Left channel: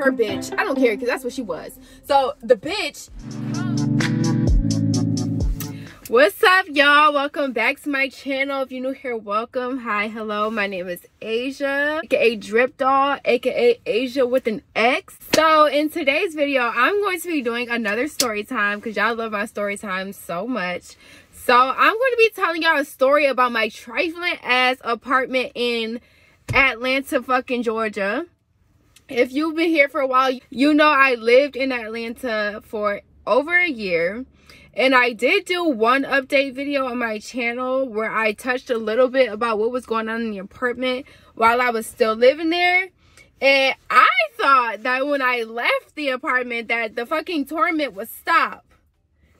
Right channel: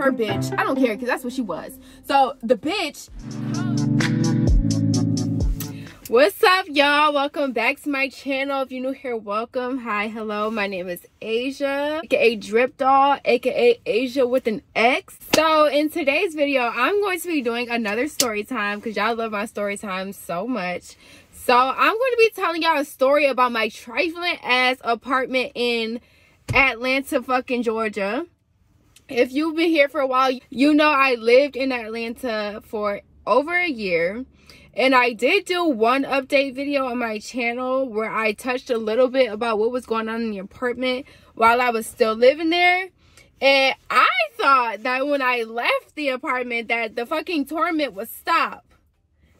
her bitch. I don't care, because that's what she was. So the bitch. What's up, y'all? Welcome back to my channel. If you're new here, welcome. Hi, hello. My name is Asia, aka 𝓕𝓸𝓵𝓵, aka Asia with an X. So in today's video, I'm going to be doing another story time because y'all love my story time so much. So I'm going to be telling y'all a story about my trifling ass apartment in Atlanta, fucking Georgia. If you've been here for a while, you know I lived in Atlanta for over a year. And I did do one update video on my channel where I touched a little bit about what was going on in the apartment while I was still living there. And I thought that when I left the apartment that the fucking torment would stop.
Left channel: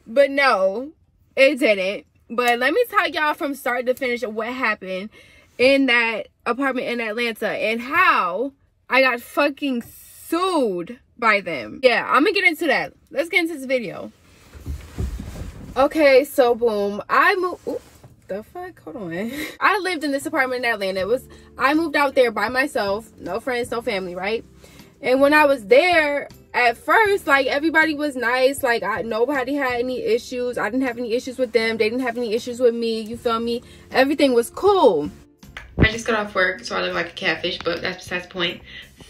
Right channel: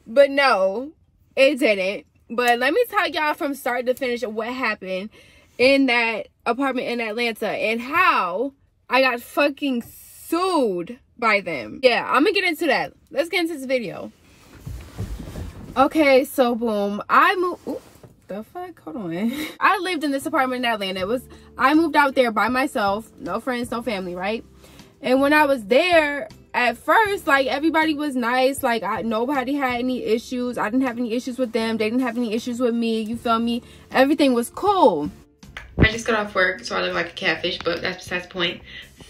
But no, it didn't. But let me tell y'all from start to finish of what happened in that apartment in Atlanta and how I got fucking sued by them. Yeah, I'm gonna get into that. Let's get into this video. Okay, so boom, I moved. Ooh, the fuck? Hold on. I lived in this apartment in Atlanta. I moved out there by myself, no friends, no family, right? And when I was there, at first, like, everybody was nice. Like, nobody had any issues. I didn't have any issues with them. They didn't have any issues with me. You feel me? Everything was cool. I just got off work, so I look like a catfish, but that's besides the point.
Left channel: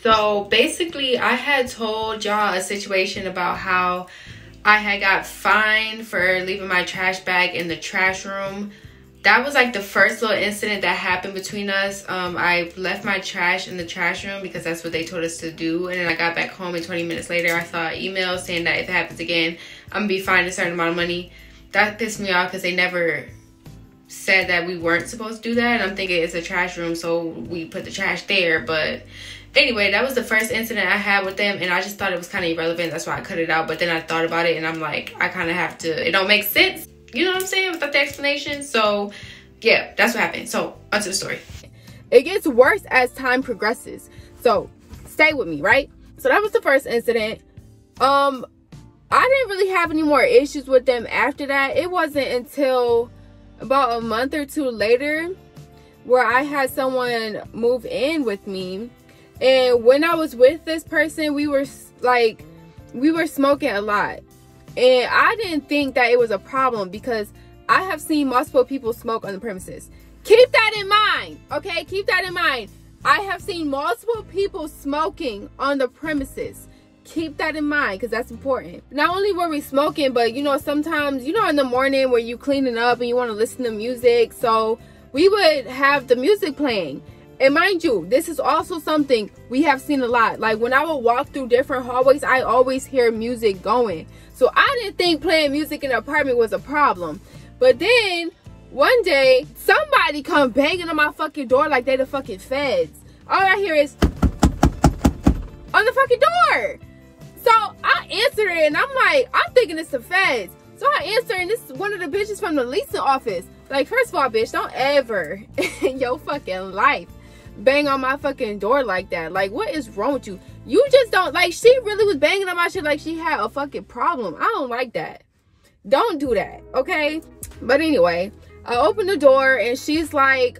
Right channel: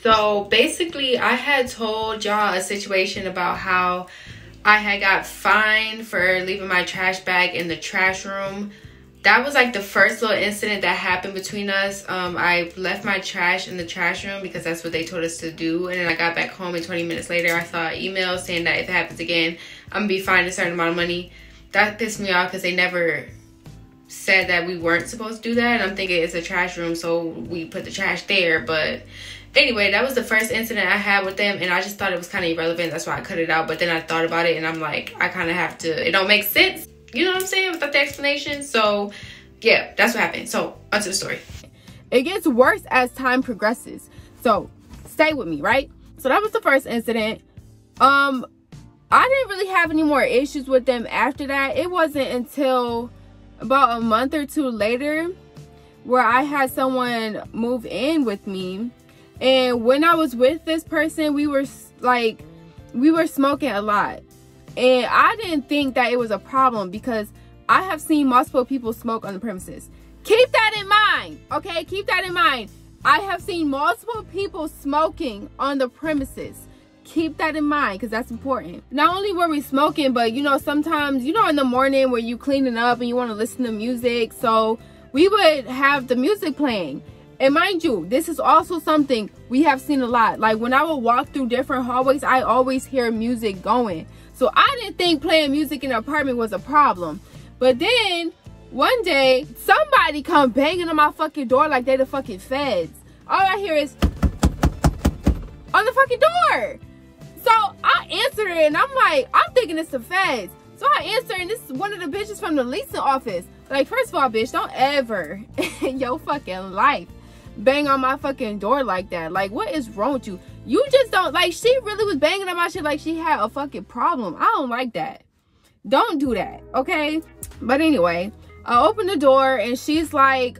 So basically, I had told y'all a situation about how I had got fined for leaving my trash bag in the trash room. That was like the first little incident that happened between us. I left my trash in the trash room because that's what they told us to do. And then I got back home and 20 minutes later, I saw an email saying that if it happens again, I'm gonna be fined a certain amount of money. That pissed me off because they never said that we weren't supposed to do that. And I'm thinking it's a trash room, so we put the trash there. But anyway, that was the first incident I had with them, and I just thought it was kind of irrelevant. That's why I cut it out. But then I thought about it, and I'm like, I kind of have to. It don't make sense. You know what I'm saying? Without the explanation. So, yeah, that's what happened. So, onto the story. It gets worse as time progresses. So, stay with me, right? So, that was the first incident. I didn't really have any more issues with them after that. It wasn't until about a month or two later where I had someone move in with me. And when I was with this person, we were smoking a lot. And I didn't think that it was a problem because I have seen multiple people smoke on the premises. Keep that in mind, okay? Keep that in mind. I have seen multiple people smoking on the premises. Keep that in mind because that's important. Not only were we smoking, but you know, sometimes, you know, in the morning where you cleaning up and you want to listen to music. So we would have the music playing. And mind you, this is also something we have seen a lot. Like when I would walk through different hallways, I always hear music going. So I didn't think playing music in the apartment was a problem. But then one day, somebody come banging on my fucking door like they the fucking feds. All I hear is on the fucking door. So I answer it and I'm like, I'm thinking it's the feds. So I answer and this is one of the bitches from the leasing office. Like, first of all, bitch, don't ever in your fucking life bang on my fucking door like that. Like, what is wrong with you? You just don't, like, she really was banging on my shit like she had a fucking problem. I don't like that. Don't do that, okay? But anyway, I opened the door and she's like,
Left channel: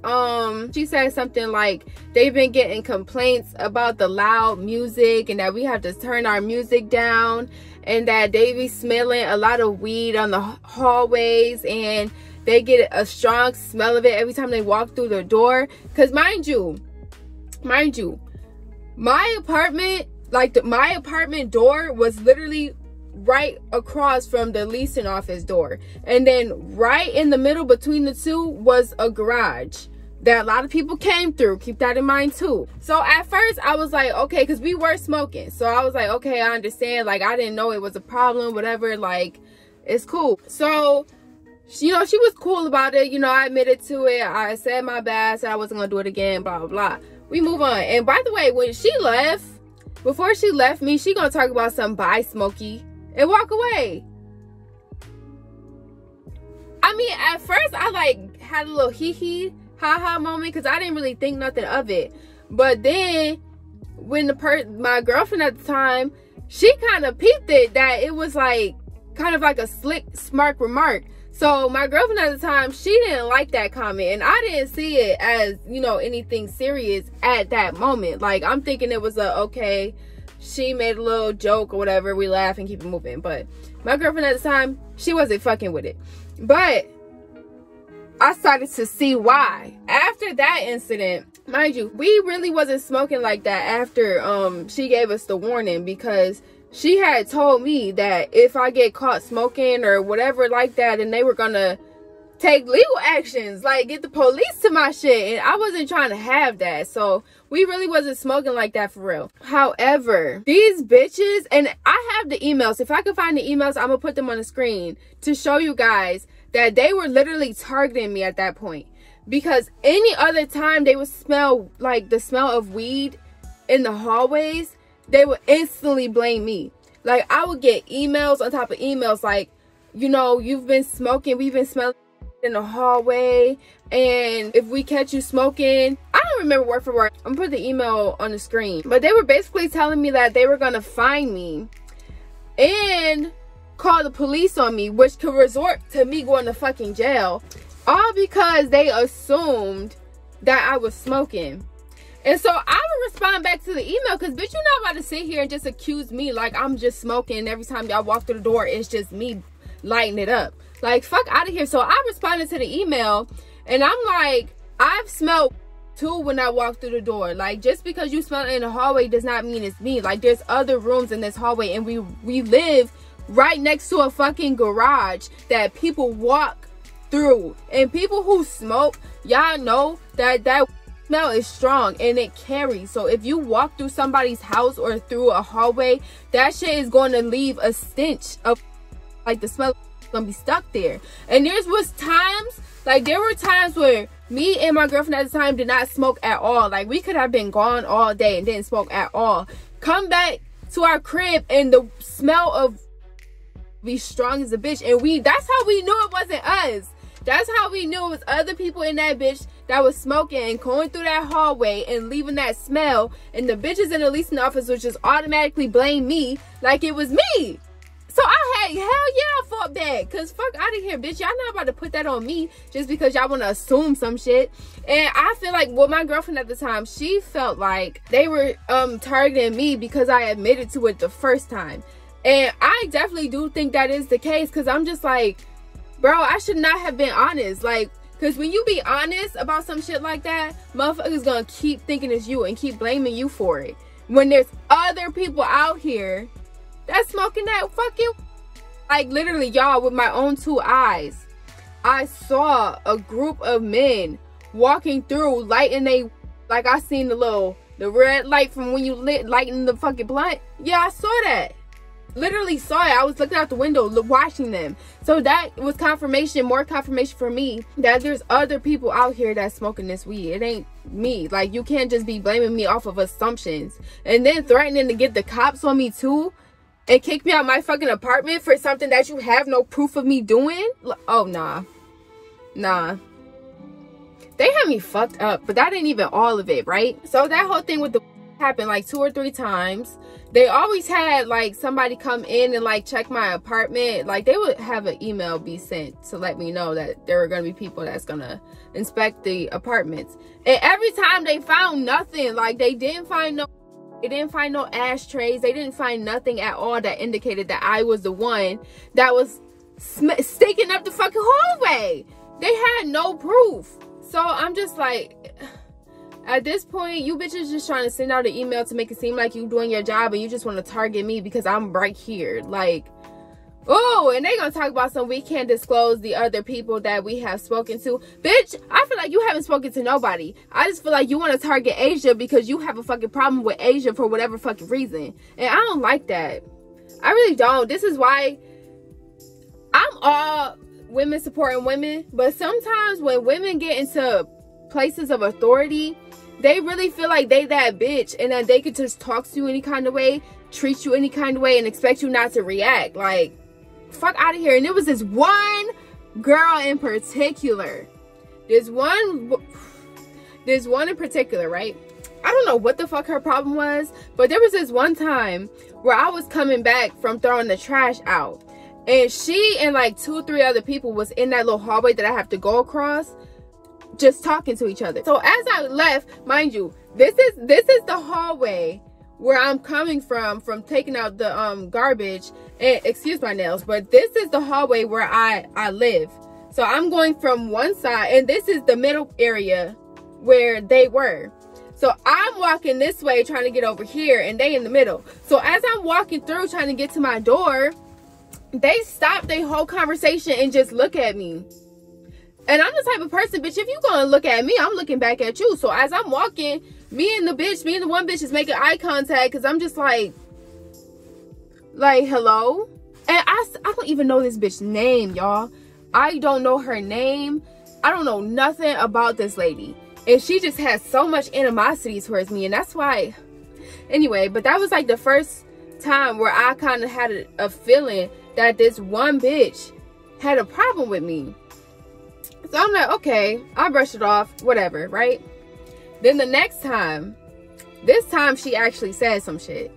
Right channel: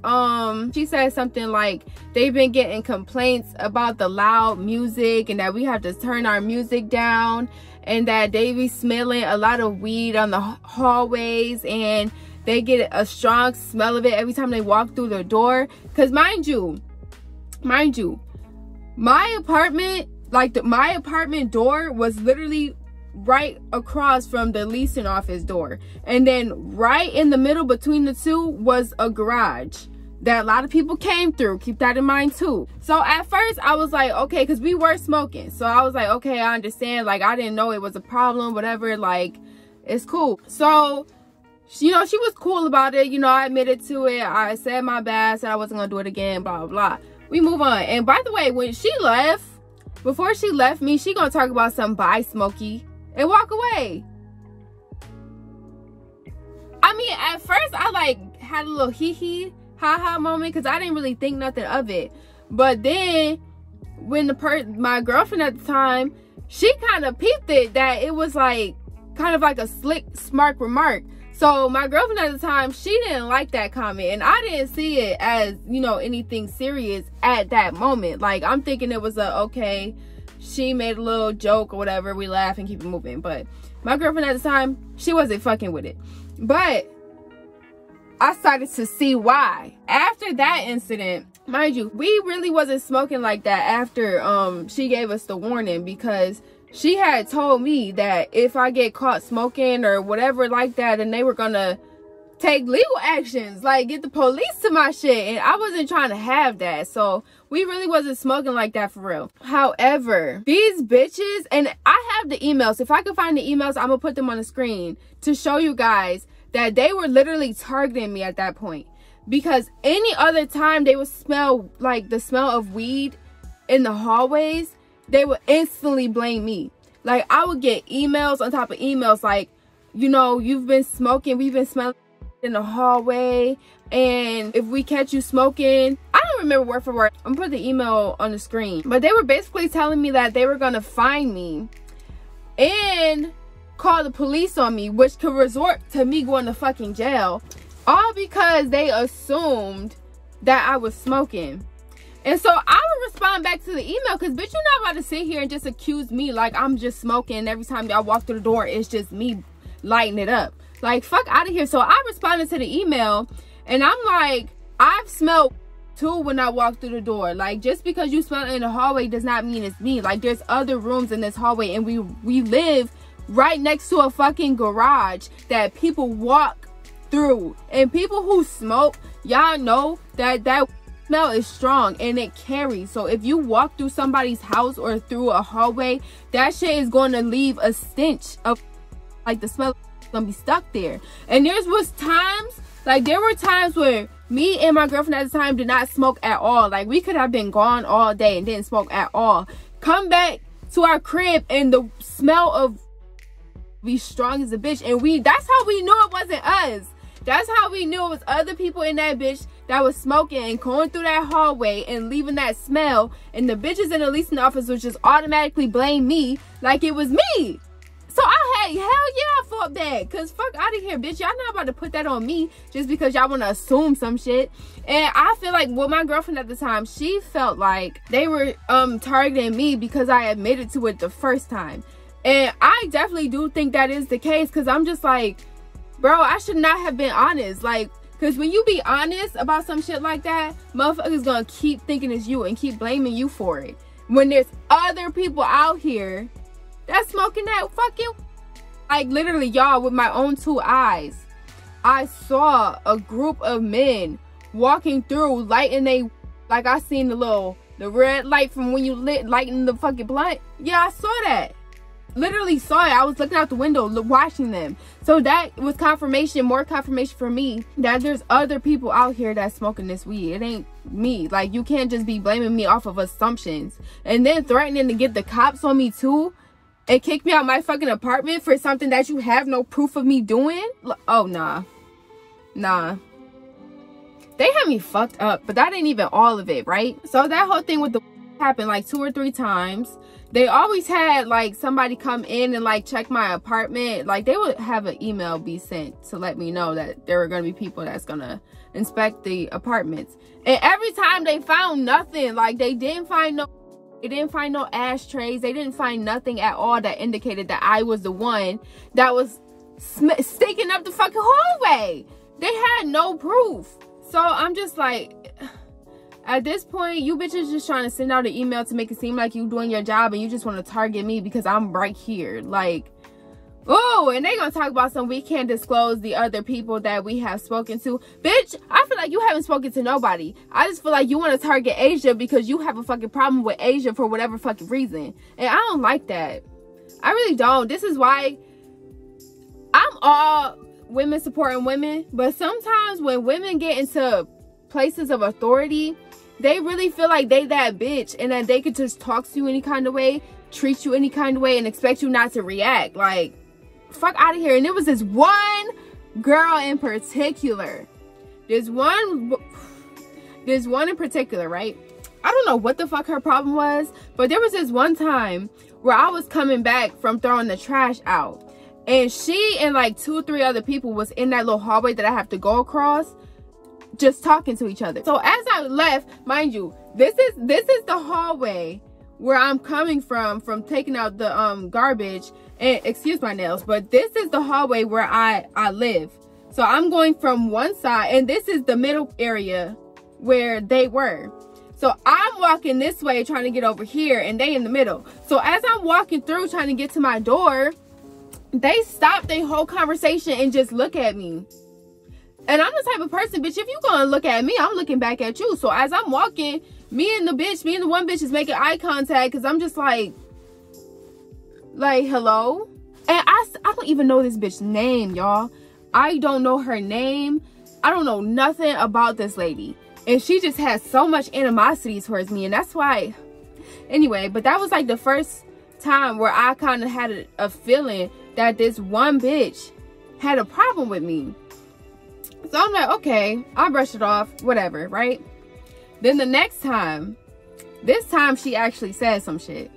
she said something like they've been getting complaints about the loud music and that we have to turn our music down and that they be smelling a lot of weed on the hallways and they get a strong smell of it every time they walk through the door. Because mind you, my apartment, like my apartment door was literally right across from the leasing office door. And then right in the middle between the two was a garage that a lot of people came through. Keep that in mind too. So at first I was like, okay, because we were smoking. So I was like, okay, I understand. Like, I didn't know it was a problem, whatever. Like, it's cool. So, you know, she was cool about it. You know, I admitted to it. I said my bad. Said I wasn't going to do it again, blah, blah, blah. We move on. And by the way, when she left, before she left me, she going to talk about some bye, Smokey, and walk away. I mean, at first, I, like, had a little hee-hee, ha-ha moment because I didn't really think nothing of it. But then, when my girlfriend at the time, she kind of peeped it that it was, like, kind of like a slick, smart remark. So, my girlfriend at the time, she didn't like that comment. And I didn't see it as, you know, anything serious at that moment. Like, I'm thinking it was a, okay, she made a little joke or whatever. We laugh and keep it moving. But my girlfriend at the time, she wasn't fucking with it. But I started to see why. After that incident, mind you, we really wasn't smoking like that after she gave us the warning, because she had told me that if I get caught smoking or whatever like that, then they were gonna take legal actions, like get the police to my shit, and I wasn't trying to have that. So we really wasn't smoking like that for real. However, these bitches, and I have the emails, if I can find the emails, I'm gonna put them on the screen to show you guys that they were literally targeting me at that point. Because any other time they would smell like the smell of weed in the hallways, they would instantly blame me. Like, I would get emails on top of emails like, you know, you've been smoking, we've been smelling in the hallway, and if we catch you smoking, I don't remember word for word, I'm gonna put the email on the screen, but they were basically telling me that they were gonna find me and call the police on me, which could resort to me going to fucking jail, all because they assumed that I was smoking. And so I would respond back to the email, because bitch, you're not about to sit here and just accuse me like I'm just smoking every time y'all walk through the door, it's just me lighting it up. Like, fuck out of here. So I responded to the email, and I'm like, I've smelled too when I walk through the door. Like, just because you smell it in the hallway does not mean it's me. Like, there's other rooms in this hallway, and we live right next to a fucking garage that people walk through. And people who smoke, y'all know that that smell is strong and it carries. So if you walk through somebody's house or through a hallway, that shit is going to leave a stench of, like, the smell gonna be stuck there. And there were times where me and my girlfriend at the time did not smoke at all. Like, we could have been gone all day and didn't smoke at all. Come back to our crib and the smell of be strong as a bitch, and that's how we knew it wasn't us. That's how we knew it was other people in that bitch that was smoking and going through that hallway and leaving that smell, and the bitches in the leasing office would just automatically blame me like it was me. So hell yeah, I fought back, because fuck out of here, bitch. Y'all not about to put that on me just because y'all want to assume some shit. And I feel like with my girlfriend at the time, she felt like they were targeting me because I admitted to it the first time. And I definitely do think that is the case, because I'm just like, bro, I should not have been honest. Like, because when you be honest about some shit like that, motherfuckers gonna keep thinking it's you and keep blaming you for it, when there's other people out here that's smoking that fucking, like, literally, y'all, with my own two eyes, I saw a group of men walking through, lighting like, I seen the red light from when you lighting the fucking blunt. Yeah, I saw that. Literally saw it. I was looking out the window watching them. So that was confirmation, more confirmation for me that there's other people out here that's smoking this weed. It ain't me. Like, you can't just be blaming me off of assumptions and then threatening to get the cops on me too and kick me out my fucking apartment for something that you have no proof of me doing. Oh, nah. They had me fucked up, but that ain't even all of it, right? So that whole thing with the happened like 2 or 3 times. They always had like somebody come in and like check my apartment. Like, they would have an email be sent to let me know that there were gonna be people that's gonna inspect the apartments. And every time they found nothing. Like, they didn't find no ashtrays. They didn't find nothing at all that indicated that I was the one that was sticking up the fucking hallway. They had no proof. So I'm just like, at this point, you bitches just trying to send out an email to make it seem like you doing your job, and you just want to target me because I'm right here. Like, oh, and they gonna talk about some, we can't disclose the other people that we have spoken to. Bitch, I feel like you haven't spoken to nobody. I just feel like you want to target Asia because you have a fucking problem with Asia for whatever fucking reason. And I don't like that. I really don't. This is why I'm all women supporting women. But sometimes when women get into places of authority, they really feel like they that bitch and that they could just talk to you any kind of way, treat you any kind of way, and expect you not to react. Like, fuck out of here. And it was this one girl in particular. There's one in particular, right? I don't know what the fuck her problem was, but there was this one time where I was coming back from throwing the trash out, and she and like 2 or 3 other people was in that little hallway that I have to go across, just talking to each other. So as I left, mind you, this is the hallway where I'm coming from taking out the garbage. And excuse my nails, but this is the hallway where I live. So I'm going from one side, and this is the middle area where they were. So I'm walking this way trying to get over here, and they in the middle. So as I'm walking through trying to get to my door, they stop their whole conversation and just look at me. And I'm the type of person, bitch, if you gonna look at me, I'm looking back at you. So as I'm walking, me and the one bitch is making eye contact, because I'm just like, hello? And I don't even know this bitch's name, y'all. I don't know her name. I don't know nothing about this lady. And she just has so much animosity towards me. And that's why, anyway, but that was like the first time where I kind of had a feeling that this one bitch had a problem with me. So I'm like, okay, I'll brush it off, whatever, right? Then the next time, this time she actually said some shit.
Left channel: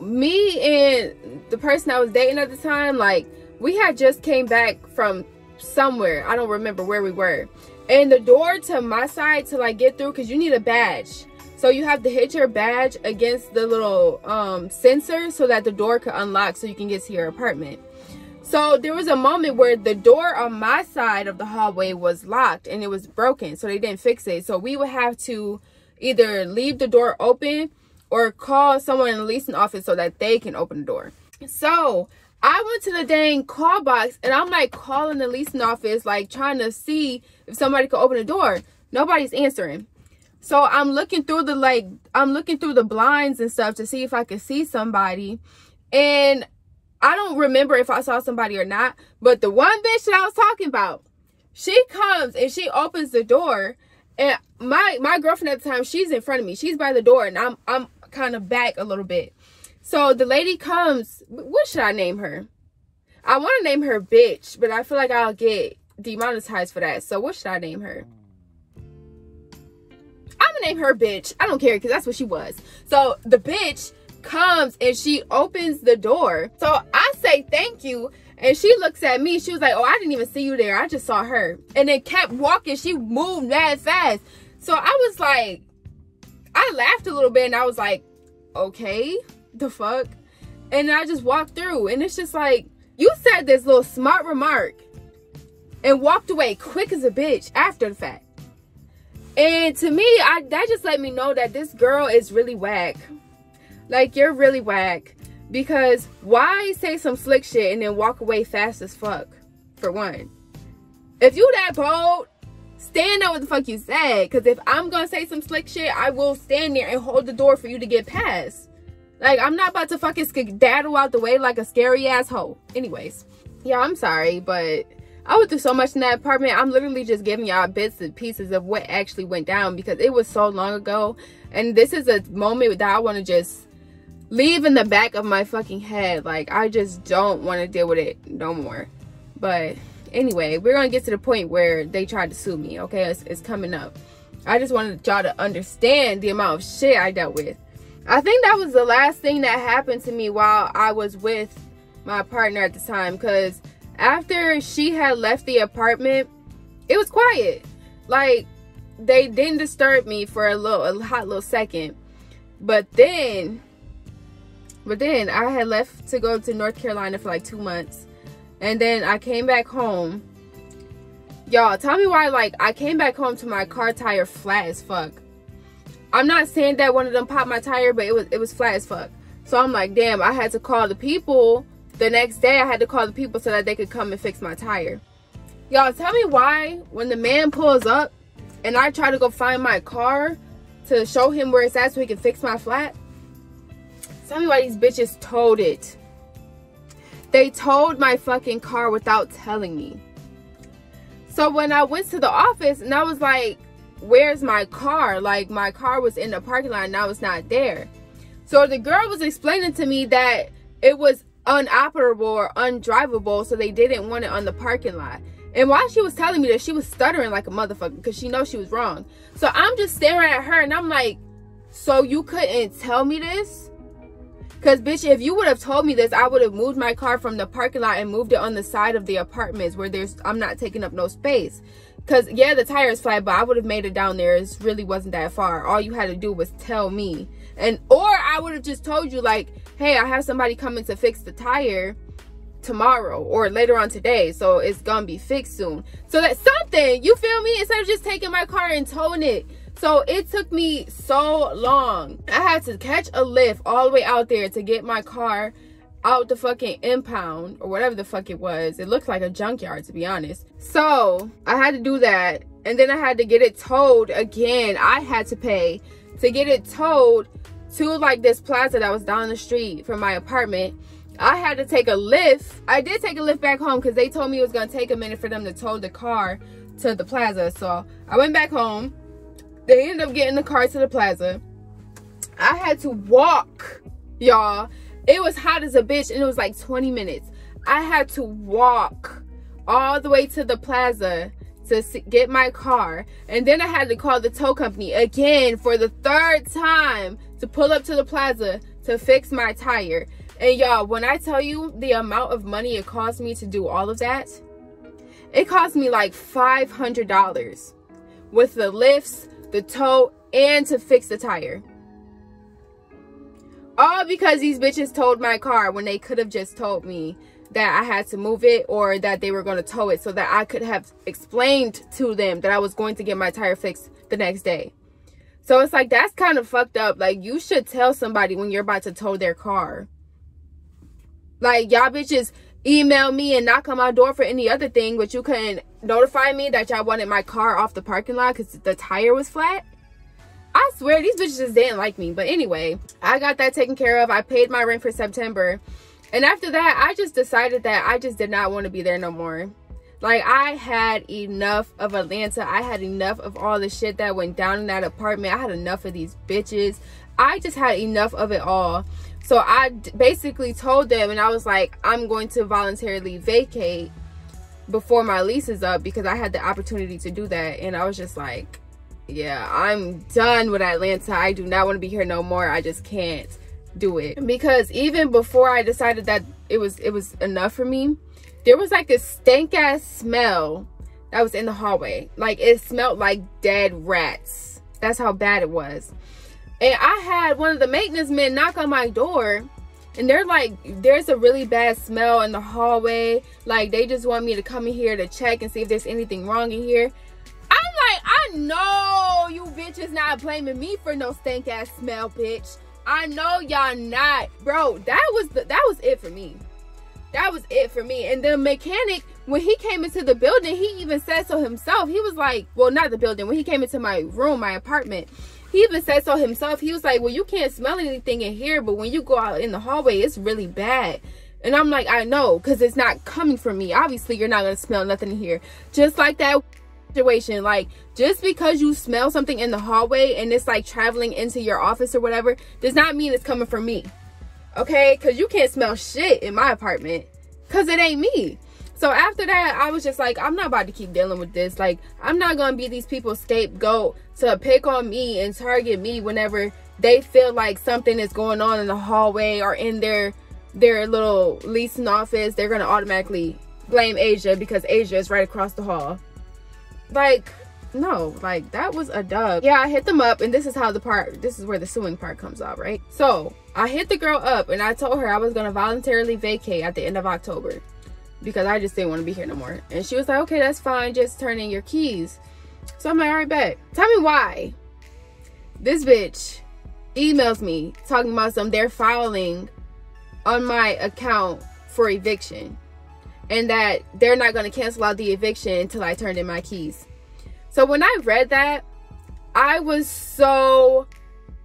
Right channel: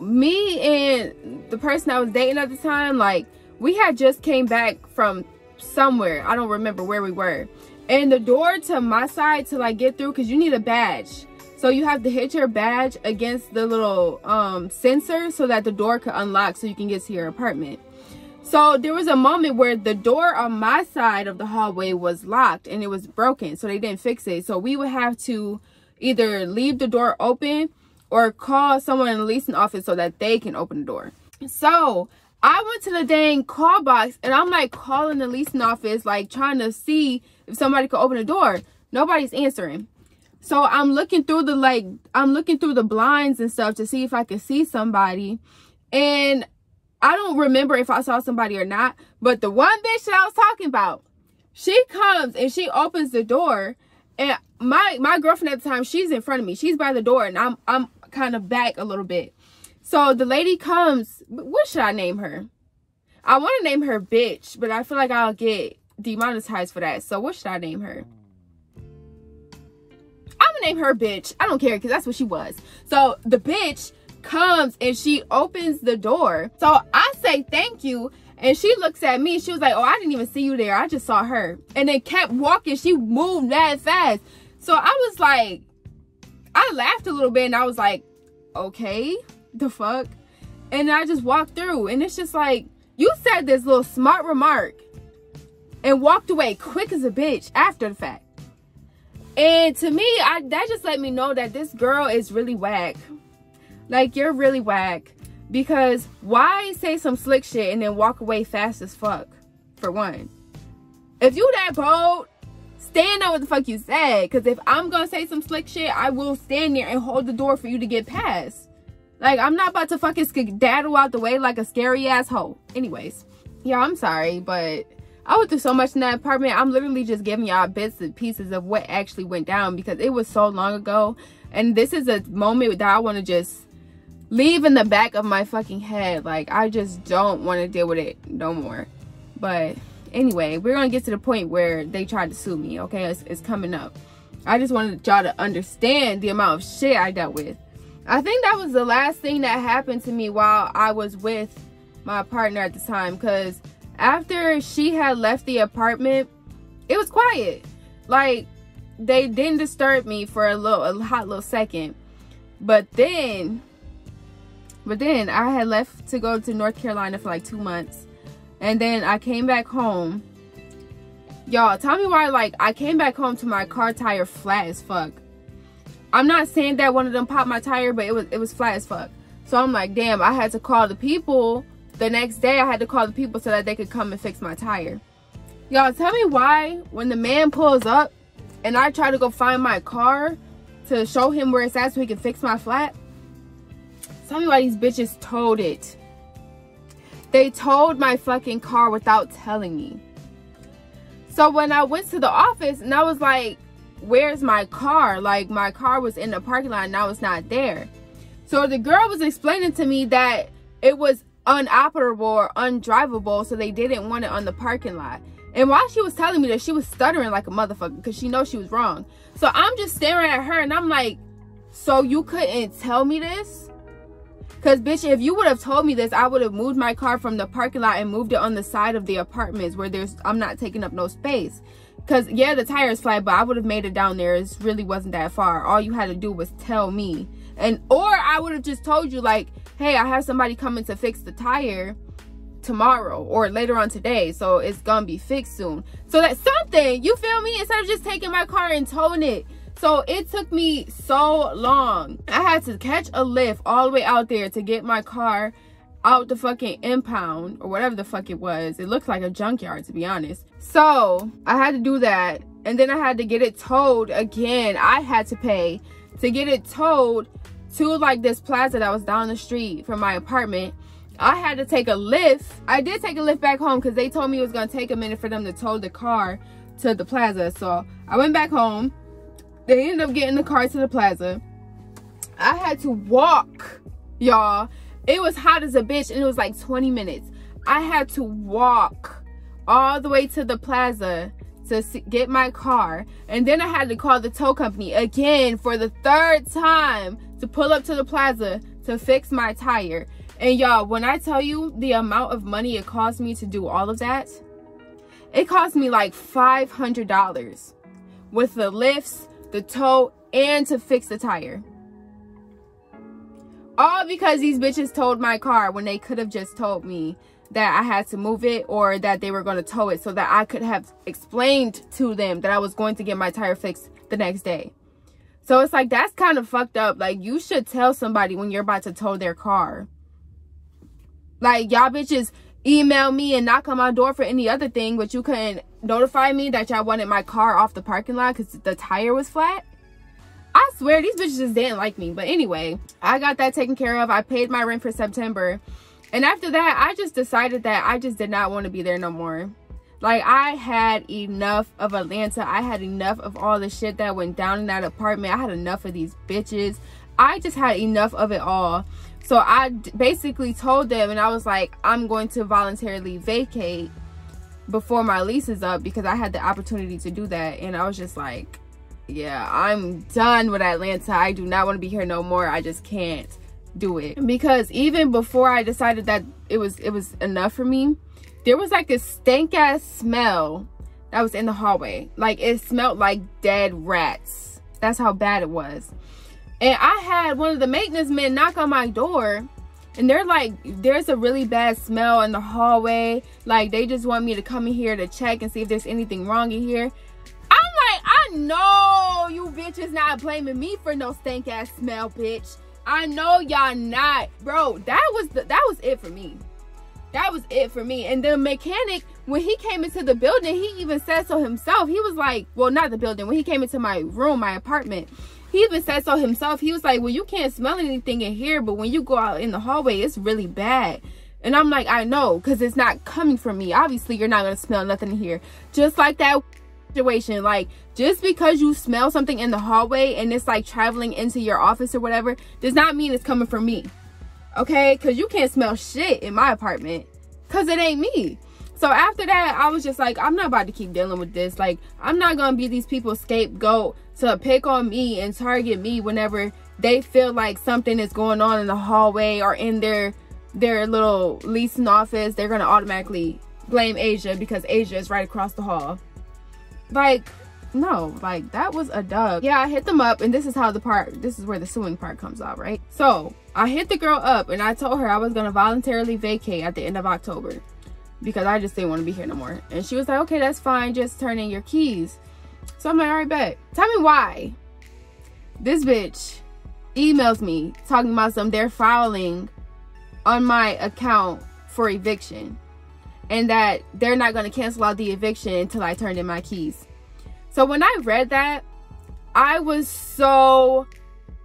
Me and the person I was dating at the time, like, we had just came back from somewhere. I don't remember where we were. And the door to my side to like get through, because you need a badge. So you have to hit your badge against the little sensor so that the door can unlock so you can get to your apartment. So there was a moment where the door on my side of the hallway was locked and it was broken. So they didn't fix it. So we would have to either leave the door open or call someone in the leasing office so that they can open the door. So I went to the dang call box and I'm like calling the leasing office, like trying to see if somebody could open the door. Nobody's answering. So I'm looking through the blinds and stuff to see if I could see somebody. And I don't remember if I saw somebody or not, but the one bitch that I was talking about, she comes and she opens the door, and my girlfriend at the time, she's in front of me. She's by the door, and I'm kind of back a little bit. So the lady comes. What should I name her? I want to name her bitch, but I feel like I'll get demonetized for that. So what should I name her? I'm gonna name her bitch. I don't care, because that's what she was. So the bitch comes and she opens the door. So I say thank you, and she looks at me. She was like, oh, I didn't even see you there, I just saw her. And then kept walking. She moved that fast. So I was like, I laughed a little bit, and I was like, okay, the fuck. And I just walked through, and it's just like, you said this little smart remark and walked away quick as a bitch after the fact. And to me, that just let me know that this girl is really whack. Like, you're really whack. Because why say some slick shit and then walk away fast as fuck, for one? If you that bold, stand on what the fuck you said. Because if I'm going to say some slick shit, I will stand there and hold the door for you to get past. Like, I'm not about to fucking skedaddle out the way like a scary asshole. Anyways, yeah, I'm sorry, but I went through so much in that apartment. I'm literally just giving y'all bits and pieces of what actually went down, because it was so long ago. And this is a moment that I want to just leave in the back of my fucking head. Like, I just don't want to deal with it no more. But anyway, we're gonna get to the point where they tried to sue me. Okay, it's coming up. I just wanted y'all to understand the amount of shit I dealt with. I think that was the last thing that happened to me while I was with my partner at the time, because after she had left the apartment, it was quiet. Like, they didn't disturb me for a hot little second. But then I had left to go to North Carolina for like 2 months. And then I came back home. Y'all, tell me why, like, I came back home to my car tire flat as fuck. I'm not saying that one of them popped my tire, but it was flat as fuck. So I'm like, damn, I had to call the people. The next day, I had to call the people so that they could come and fix my tire. Y'all, tell me why when the man pulls up and I try to go find my car to show him where it's at so he can fix my flat, tell me why these bitches towed it. They towed my fucking car without telling me. So when I went to the office and I was like, where's my car? Like, my car was in the parking lot and now it's not there. So the girl was explaining to me that it was unoperable or undrivable, so they didn't want it on the parking lot. And while she was telling me that, she was stuttering like a motherfucker because she knows she was wrong. So I'm just staring at her and I'm like, so you couldn't tell me this? Because, bitch, if you would have told me this, I would have moved my car from the parking lot and moved it on the side of the apartments where I'm not taking up no space. Because, yeah, the tire is flat, but I would have made it down there. It really wasn't that far. All you had to do was tell me. or I would have just told you like, hey, I have somebody coming to fix the tire tomorrow or later on today, so it's gonna be fixed soon. So that's something, you feel me? Instead of just taking my car and towing it. So it took me so long. I had to catch a lift all the way out there to get my car out the fucking impound or whatever the fuck it was. It looked like a junkyard, to be honest. So I had to do that, and then I had to get it towed again. I had to pay to get it towed to like this plaza that was down the street from my apartment. I had to take a lift. I did take a lift back home because they told me it was gonna take a minute for them to tow the car to the plaza. So I went back home. They ended up getting the car to the plaza. I had to walk, y'all. It was hot as a bitch, and it was like 20 minutes. I had to walk all the way to the plaza to get my car. And then I had to call the tow company again for the 3rd time to pull up to the plaza to fix my tire. And y'all, when I tell you the amount of money it cost me to do all of that, it cost me like $500 with the lifts, the tow, and to fix the tire. All because these bitches towed my car when they could have just told me that I had to move it or that they were going to tow it, so that I could have explained to them that I was going to get my tire fixed the next day. So it's like, that's kind of fucked up. Like, you should tell somebody when you're about to tow their car. Like, y'all bitches email me and knock on my door for any other thing, but you couldn't notify me that y'all wanted my car off the parking lot because the tire was flat. I swear, these bitches just didn't like me. But anyway, I got that taken care of. I paid my rent for September. And after that, I just decided that I just did not want to be there no more. Like, I had enough of Atlanta. I had enough of all the shit that went down in that apartment. I had enough of these bitches. I just had enough of it all. So I basically told them, and I was like, I'm going to voluntarily vacate before my lease is up, because I had the opportunity to do that. And I was just like, yeah, I'm done with Atlanta. I do not want to be here no more. I just can't do it. Because even before I decided that it was enough for me, there was like this stank ass smell that was in the hallway. Like, it smelled like dead rats. That's how bad it was. And I had one of the maintenance men knock on my door, and they're like, there's a really bad smell in the hallway. Like, they just want me to come in here to check and see if there's anything wrong in here. I'm like, I know you bitches not blaming me for no stank ass smell, bitch. I know y'all not. Bro, that was it for me. That was it for me. And the mechanic, when he came into the building, he even said so himself. He was like, well, not the building. When he came into my room, my apartment, he even said so himself. He was like, well, you can't smell anything in here, but when you go out in the hallway, it's really bad. And I'm like, I know, because it's not coming from me. Obviously, you're not going to smell nothing in here. Just like that situation. Like, just because you smell something in the hallway and it's like traveling into your office or whatever, does not mean it's coming from me. Okay? Because you can't smell shit in my apartment, because it ain't me. So after that, I was just like, I'm not about to keep dealing with this. Like, I'm not going to be these people's scapegoat to pick on me and target me whenever they feel like something is going on in the hallway or in their little leasing office. They're going to automatically blame Asia because Asia is right across the hall. Like, no, like, that was a dub. Yeah, I hit them up, and this is where the suing part comes out, right? So I hit the girl up, and I told her I was going to voluntarily vacate at the end of October because I just didn't want to be here no more. And she was like, okay, that's fine, just turn in your keys. So I'm like, all right, bet. Tell me why this bitch emails me talking about they're filing on my account for eviction, and that they're not going to cancel out the eviction until I turned in my keys. So when I read that, I was so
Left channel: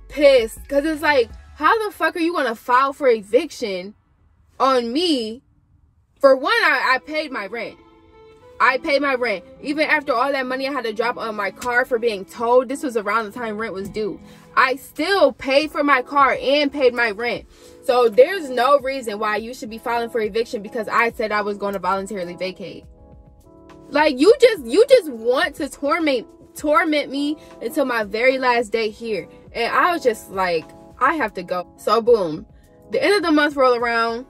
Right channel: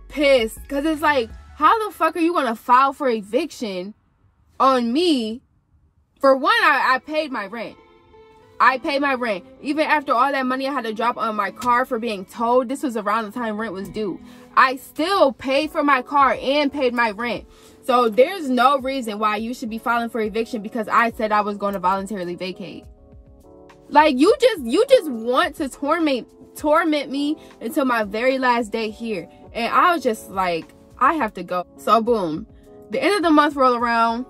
pissed, because it's like, how the fuck are you going to file for eviction on me? For one, I paid my rent. I paid my rent. Even after all that money I had to drop on my car for being towed, this was around the time rent was due. I still paid for my car and paid my rent. So there's no reason why you should be filing for eviction because I said I was going to voluntarily vacate. Like, you just want to torment me until my very last day here. And I was just like, I have to go. So boom, the end of the month roll around.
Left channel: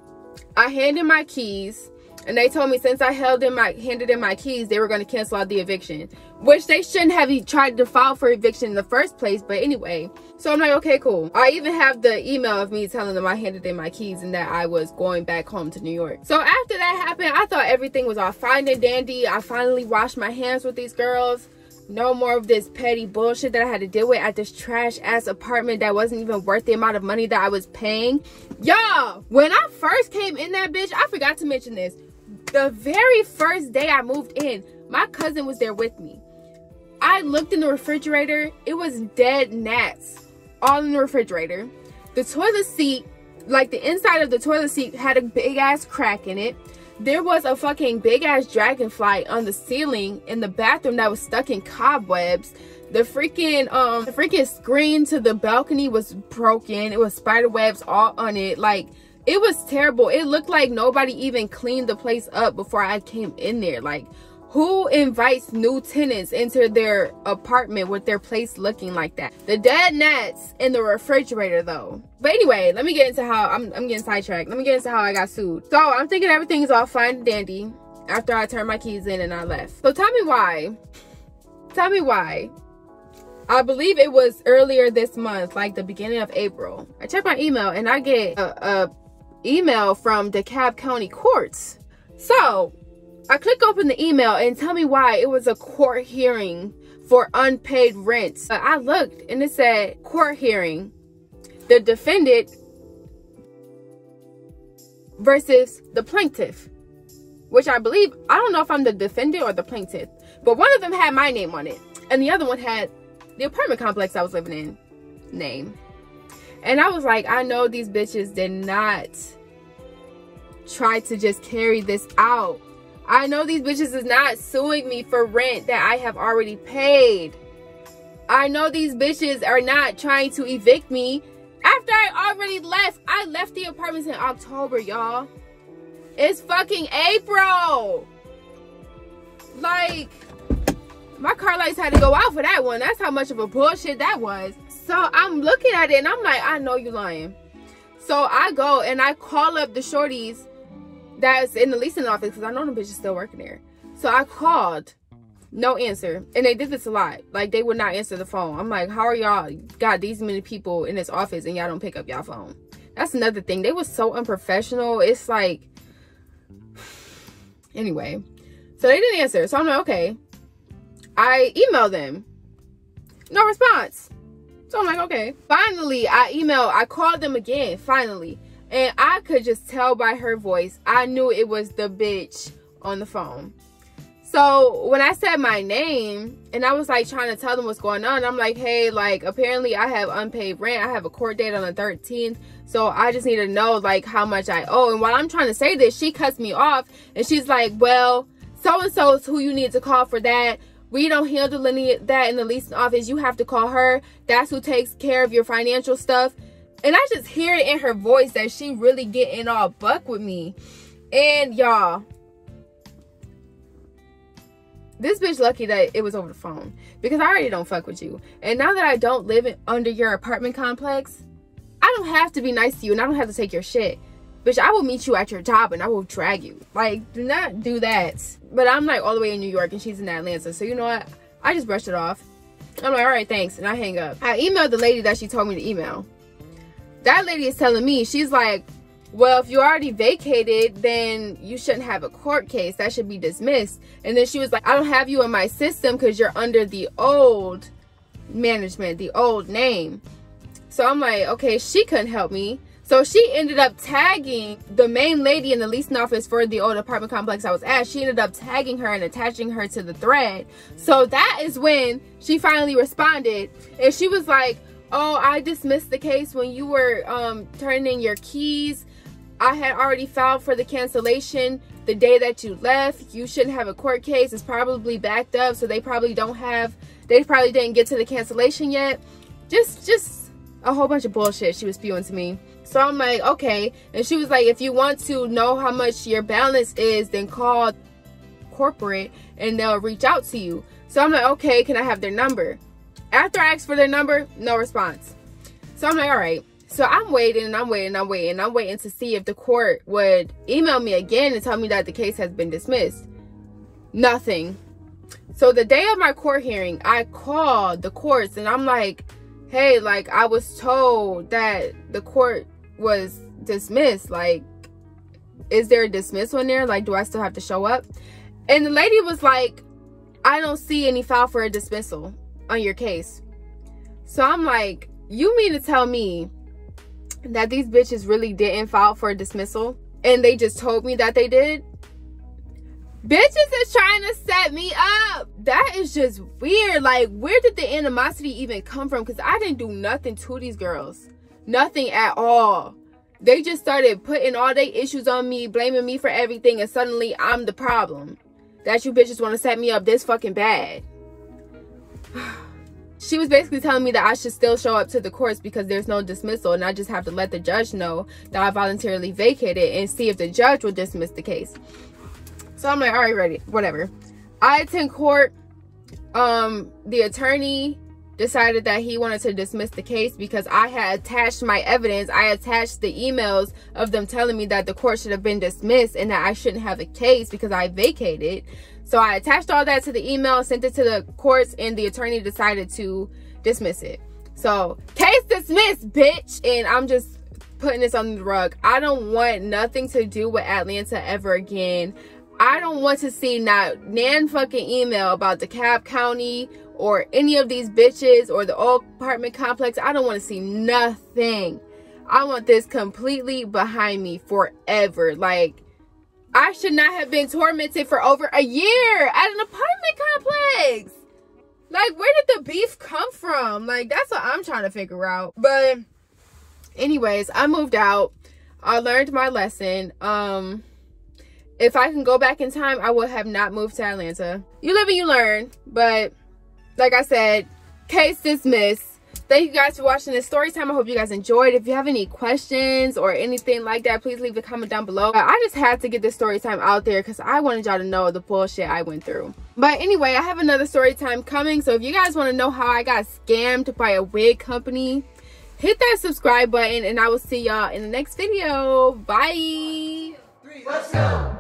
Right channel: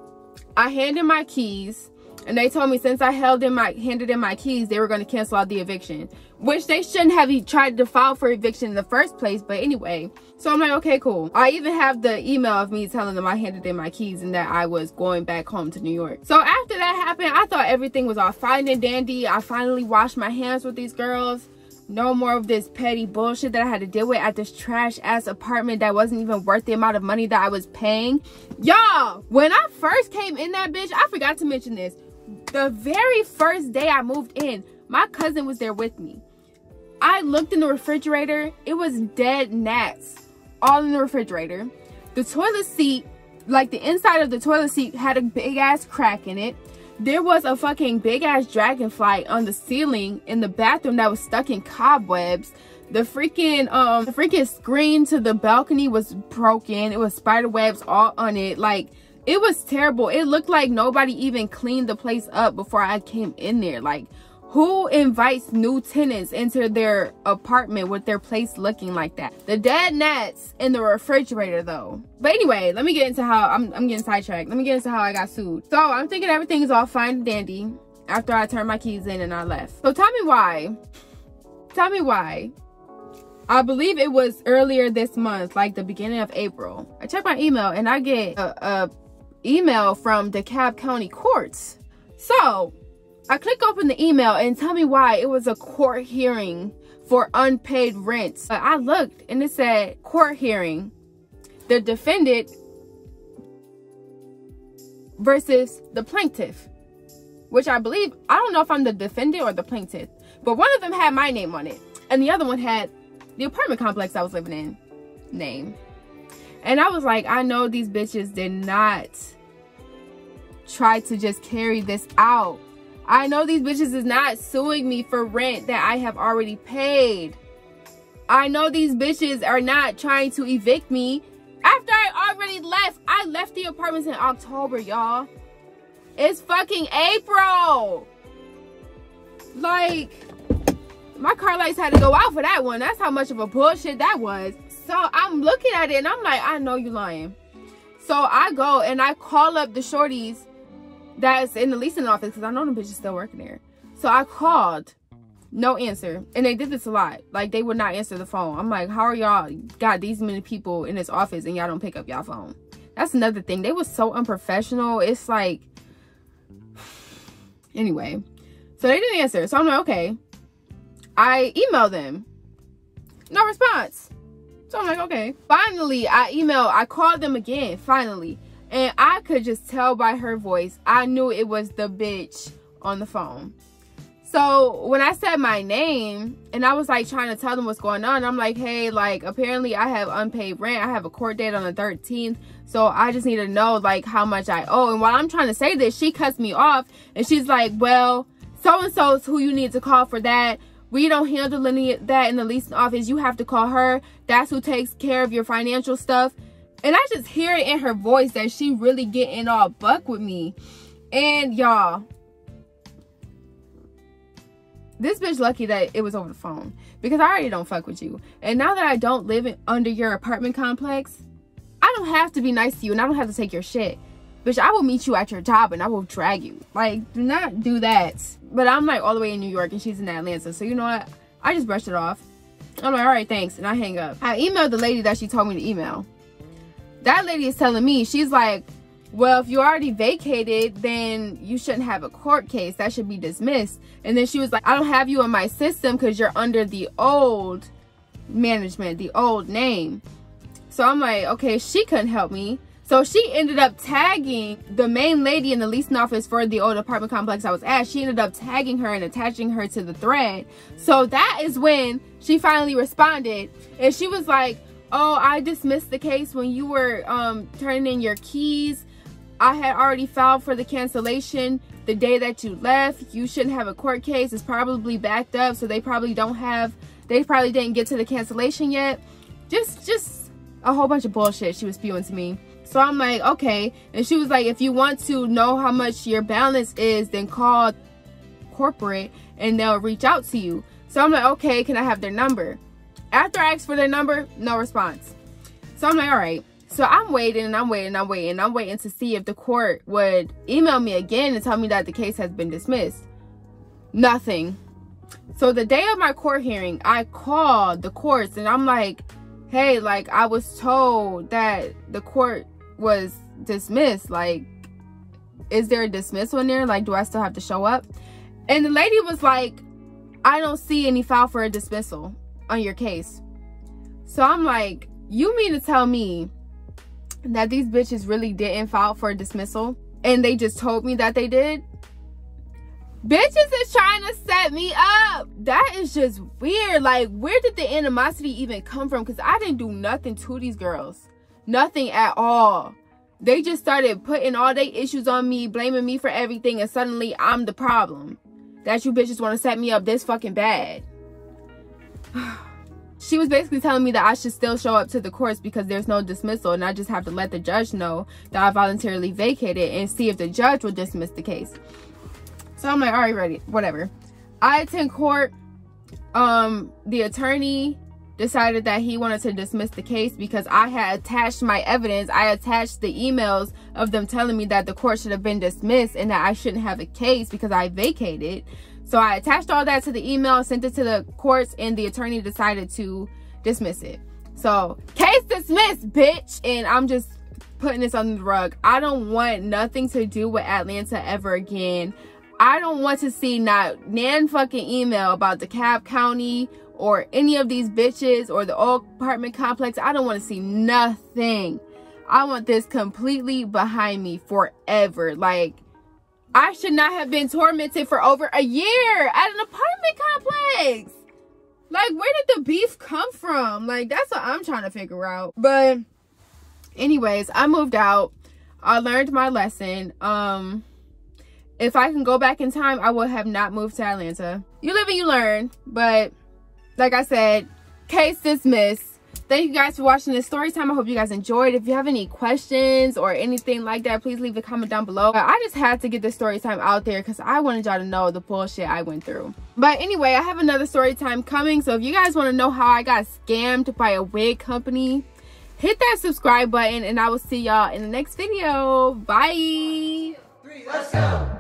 I hand in my keys. And they told me since I handed in my keys, they were going to cancel out the eviction, which they shouldn't have tried to file for eviction in the first place. But anyway, so I'm like, okay, cool. I even have the email of me telling them I handed in my keys and that I was going back home to New York. So after that happened, I thought everything was all fine and dandy. I finally washed my hands with these girls. No more of this petty bullshit that I had to deal with at this trash ass apartment that wasn't even worth the amount of money that I was paying. Y'all, when I first came in that bitch, I forgot to mention this. The very first day I moved in, my cousin was there with me. I looked in the refrigerator. It was dead gnats all in the refrigerator. The toilet seat, like the inside of the toilet seat, had a big ass crack in it. There was a fucking big ass dragonfly on the ceiling in the bathroom that was stuck in cobwebs. The freaking screen to the balcony was broken. It was spider webs all on it. Like, it was terrible. It looked like nobody even cleaned the place up before I came in there. Like, who invites new tenants into their apartment with their place looking like that? The dead gnats in the refrigerator though. But anyway, let me get into how I'm getting sidetracked. Let me get into how I got sued. So I'm thinking everything is all fine and dandy after I turned my keys in and I left. So tell me why. Tell me why. I believe it was earlier this month, like the beginning of April. I checked my email and I get a email from DeKalb County courts. So I click open the email and tell me why it was a court hearing for unpaid rent. I looked and it said court hearing. The defendant versus the plaintiff, which I believe, I don't know if I'm the defendant or the plaintiff, but one of them had my name on it and the other one had the apartment complex I was living in name. And I was like, I know these bitches did not try to just carry this out. I know these bitches is not suing me for rent that I have already paid. I know these bitches are not trying to evict me after I already left. I left the apartments in October, y'all. It's fucking April. Like, my car lights had to go out for that one. That's how much of a bullshit that was. So I'm looking at it and I'm like, I know you lying. So I go and I call up the shorties that's in the leasing office because I know them bitches still working there. So I called, no answer. And they did this a lot. Like, they would not answer the phone. I'm like, how are y'all got these many people in this office and y'all don't pick up y'all phone? That's another thing. They was so unprofessional. It's like, anyway. So they didn't answer. So I'm like, okay. I emailed them. No response. So I'm like, okay. Finally, I called them again, finally. And I could just tell by her voice, I knew it was the bitch on the phone. So when I said my name and I was like trying to tell them what's going on, I'm like, hey, like, apparently I have unpaid rent. I have a court date on the 13th. So I just need to know like how much I owe. And while I'm trying to say this, she cuts me off and she's like, well, so-and-so is who you need to call for that. We don't handle any of that in the leasing office. You have to call her. That's who takes care of your financial stuff. And I just hear it in her voice that she really getting all buck with me. And y'all, this bitch lucky that it was over the phone, because I already don't fuck with you. And now that I don't live under your apartment complex, I don't have to be nice to you and I don't have to take your shit. Bitch, I will meet you at your job and I will drag you. Like, do not do that. But I'm like all the way in New York and she's in Atlanta. So you know what? I just brushed it off. I'm like, all right, thanks. And I hang up. I emailed the lady that she told me to email. That lady is telling me, she's like, well, if you already vacated, then you shouldn't have a court case. That should be dismissed. And then she was like, I don't have you in my system because you're under the old management, the old name. So I'm like, okay, she couldn't help me. So she ended up tagging the main lady in the leasing office for the old apartment complex I was at. She ended up tagging her and attaching her to the thread. So that is when she finally responded. And she was like, oh, I dismissed the case when you were turning in your keys. I had already filed for the cancellation the day that you left. You shouldn't have a court case. It's probably backed up, so they probably didn't get to the cancellation yet. Just a whole bunch of bullshit she was spewing to me. So I'm like, okay. And she was like, if you want to know how much your balance is, then call corporate and they'll reach out to you. So I'm like, okay, can I have their number? After I asked for their number, no response. So I'm like, all right. So I'm waiting and I'm waiting to see if the court would email me again and tell me that the case has been dismissed. Nothing. So the day of my court hearing, I called the courts and I'm like, hey, like, I was told that the court was dismissed. Like, is there a dismissal in there? Like, do I still have to show up? And the lady was like, I don't see any file for a dismissal on your case. So I'm like, you mean to tell me that these bitches really didn't file for a dismissal and they just told me that they did? Bitches is trying to set me up. That is just weird. Like, where did the animosity even come from? Because I didn't do nothing to these girls. Nothing at all. They just started putting all their issues on me, blaming me for everything, and suddenly I'm the problem. That you bitches want to set me up this fucking bad. She was basically telling me that I should still show up to the courts because there's no dismissal, and I just have to let the judge know that I voluntarily vacated and see if the judge will dismiss the case. So I'm like, all right, ready, whatever. I attend court. The attorney decided that he wanted to dismiss the case because I had attached my evidence. I attached the emails of them telling me that the court should have been dismissed and that I shouldn't have a case because I vacated. So I attached all that to the email, sent it to the courts, and the attorney decided to dismiss it. So, case dismissed, bitch. And I'm just putting this under the rug. I don't want nothing to do with Atlanta ever again. I don't want to see not nan fucking email about DeKalb County or any of these bitches or the old apartment complex. I don't want to see nothing. I want this completely behind me forever. Like, I should not have been tormented for over a year at an apartment complex. Like, where did the beef come from? Like, that's what I'm trying to figure out. But anyways, I moved out. I learned my lesson. If I can go back in time, I would have not moved to Atlanta. You live and you learn. But like I said, case dismissed. Thank you guys for watching this story time. I hope you guys enjoyed. If you have any questions or anything like that, please leave a comment down below. I just had to get this story time out there because I wanted y'all to know the bullshit I went through. But anyway, I have another story time coming. So if you guys want to know how I got scammed by a wig company, hit that subscribe button and I will see y'all in the next video. Bye. 1, 2, 3, let's go.